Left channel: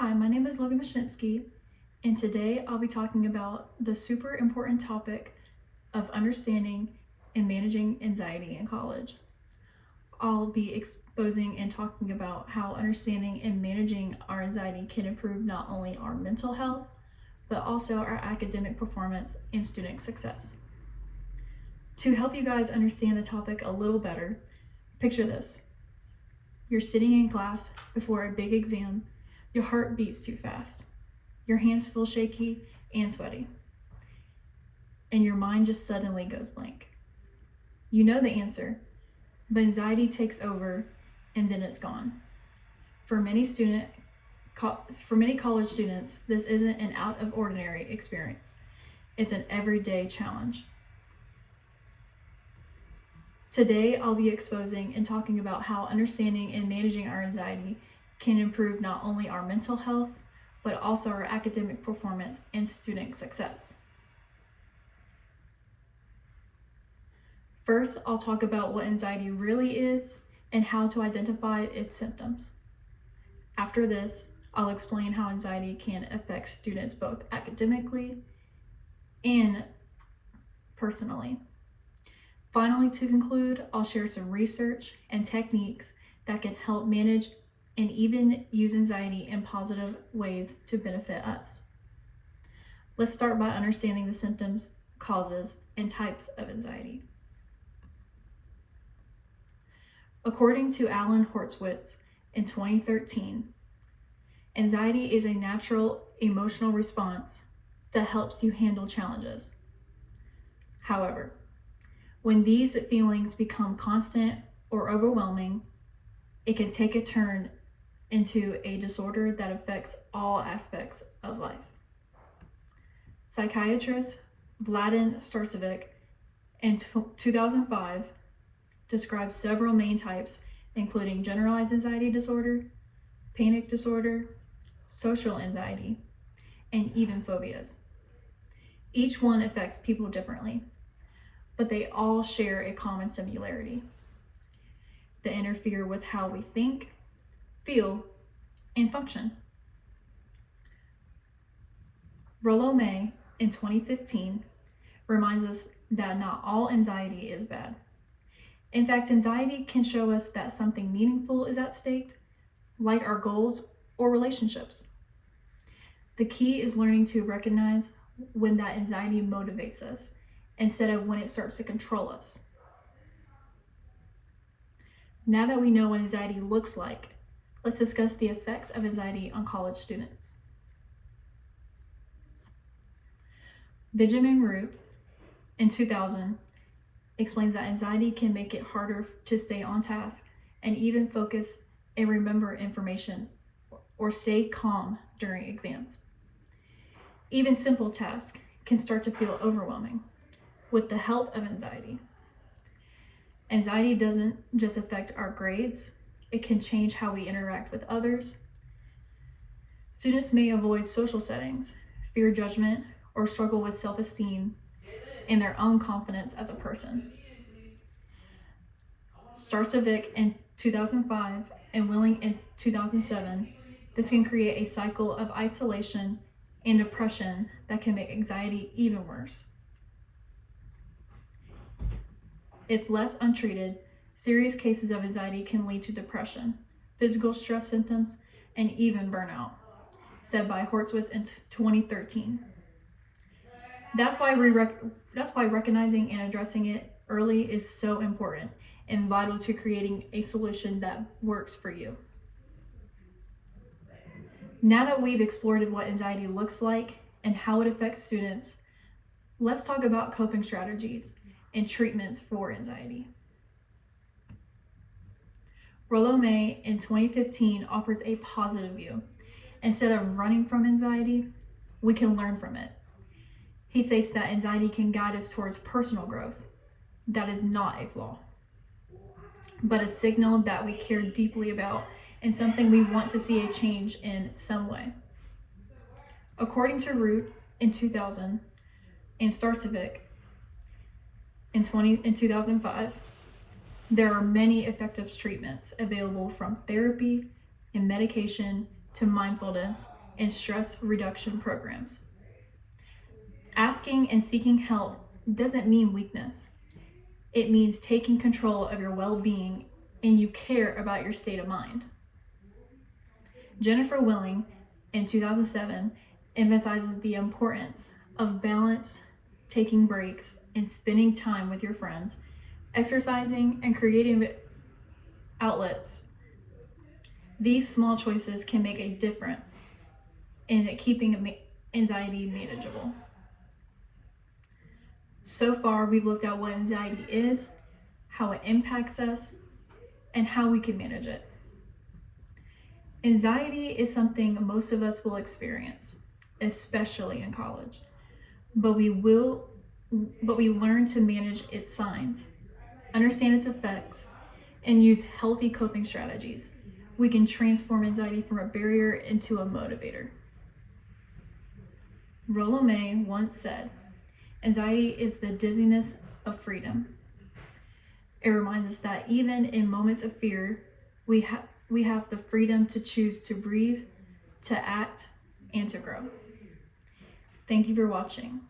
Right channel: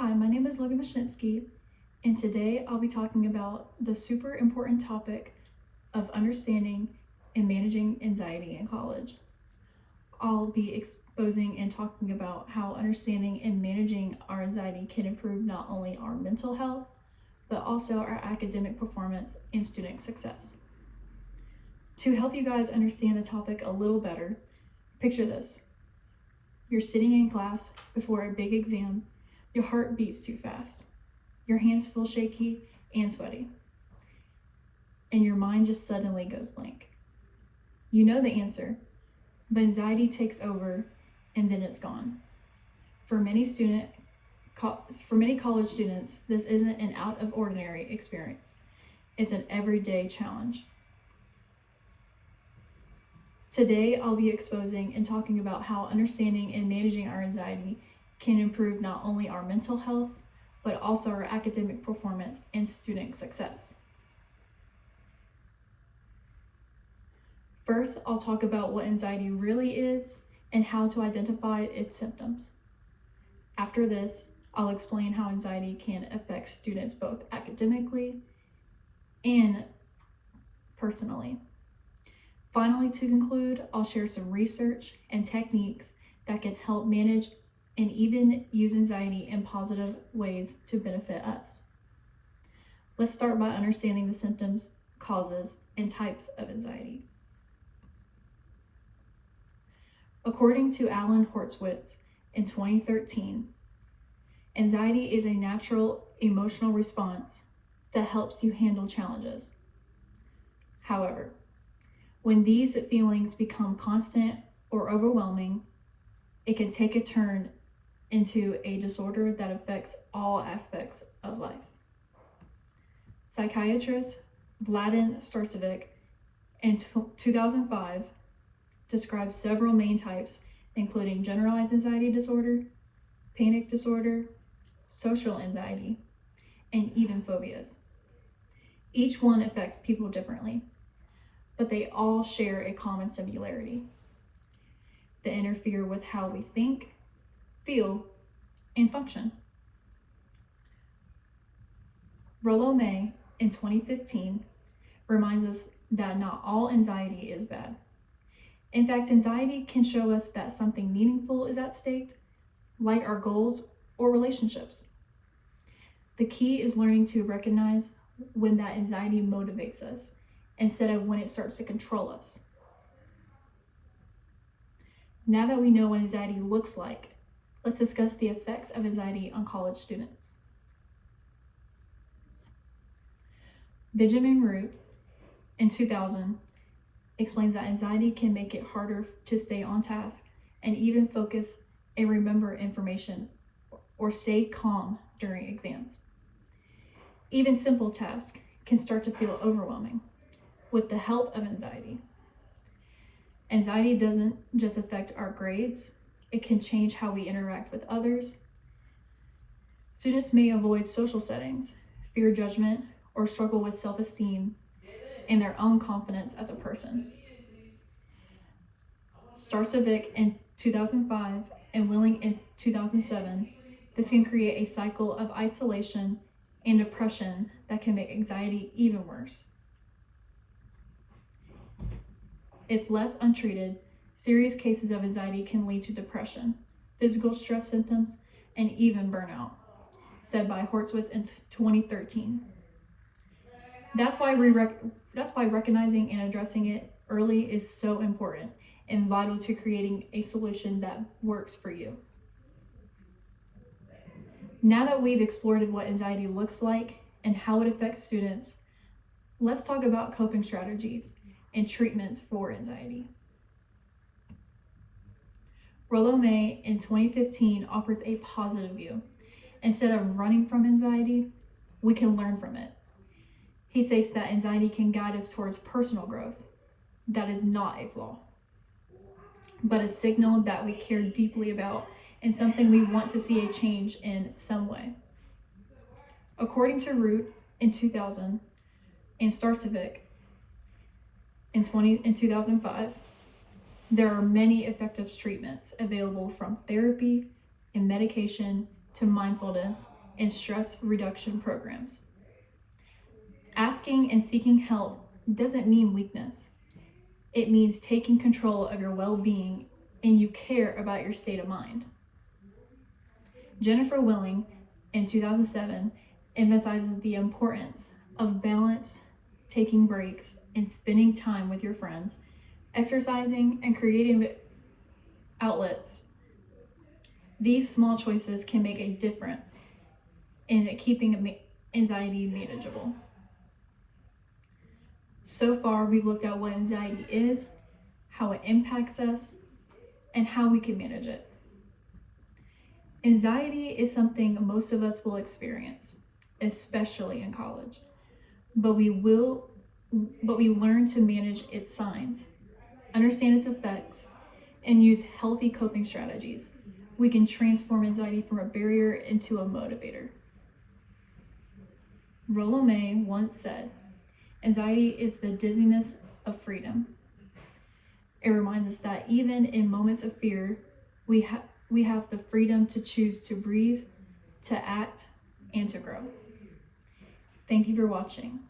Hi, my name is Logan Mashinsky, and today I'll be talking about the super important topic of understanding and managing anxiety in college. I'll be exposing and talking about how understanding and managing our anxiety can improve not only our mental health, but also our academic performance and student success. To help you guys understand the topic a little better, picture this. You're sitting in class before a big exam. Your heart beats too fast. Your hands feel shaky and sweaty. And your mind just suddenly goes blank. You know the answer, but anxiety takes over and then it's gone. For many college students, this isn't an out of ordinary experience. It's an everyday challenge. Today, I'll be exposing and talking about how understanding and managing our anxiety can improve not only our mental health, but also our academic performance and student success. First, I'll talk about what anxiety really is and how to identify its symptoms. After this, I'll explain how anxiety can affect students both academically and personally. Finally, to conclude, I'll share some research and techniques that can help manage and even use anxiety in positive ways to benefit us. Let's start by understanding the symptoms, causes, and types of anxiety. According to Alan Horowitz in 2013, anxiety is a natural emotional response that helps you handle challenges. However, when these feelings become constant or overwhelming, it can take a turn into a disorder that affects all aspects of life. Psychiatrist Vladan Starcevic in 2005 describes several main types, including generalized anxiety disorder, panic disorder, social anxiety, and even phobias. Each one affects people differently, but they all share a common similarity. They interfere with how we think, feel, and function. Rollo May in 2015 reminds us that not all anxiety is bad. In fact, anxiety can show us that something meaningful is at stake, like our goals or relationships. The key is learning to recognize when that anxiety motivates us instead of when it starts to control us. Now that we know what anxiety looks like, let's discuss the effects of anxiety on college students. Benjamin Root in 2000 explains that anxiety can make it harder to stay on task and even focus and remember information or stay calm during exams. Even simple tasks can start to feel overwhelming with the help of anxiety. Anxiety doesn't just affect our grades, it can change how we interact with others. Students may avoid social settings, fear judgment, or struggle with self-esteem and their own confidence as a person. Starcevic in 2005 and Willing in 2007, this can create a cycle of isolation and depression that can make anxiety even worse. If left untreated, serious cases of anxiety can lead to depression, physical stress symptoms, and even burnout, said by Horowitz in 2013. That's why recognizing and addressing it early is so important and vital to creating a solution that works for you. Now that we've explored what anxiety looks like and how it affects students, let's talk about coping strategies and treatments for anxiety. Rollo May in 2015 offers a positive view. Instead of running from anxiety, we can learn from it. He states that anxiety can guide us towards personal growth. That is not a flaw, but a signal that we care deeply about and something we want to see a change in some way. According to Root in 2000 and Starcevic in 2005, there are many effective treatments available from therapy and medication to mindfulness and stress reduction programs. Asking and seeking help doesn't mean weakness. It means taking control of your well-being and you care about your state of mind. Jennifer Willing, in 2007, emphasizes the importance of balance, taking breaks, and spending time with your friends, exercising, and creating outlets. These small choices can make a difference in keeping anxiety manageable. So far, we've looked at what anxiety is, how it impacts us, and how we can manage it. Anxiety is something most of us will experience, especially in college. But we learn to manage its signs, understand its effects, and use healthy coping strategies. We can transform anxiety from a barrier into a motivator. Rollo May once said, "Anxiety is the dizziness of freedom." It reminds us that even in moments of fear, we have the freedom to choose to breathe, to act, and to grow. Thank you for watching.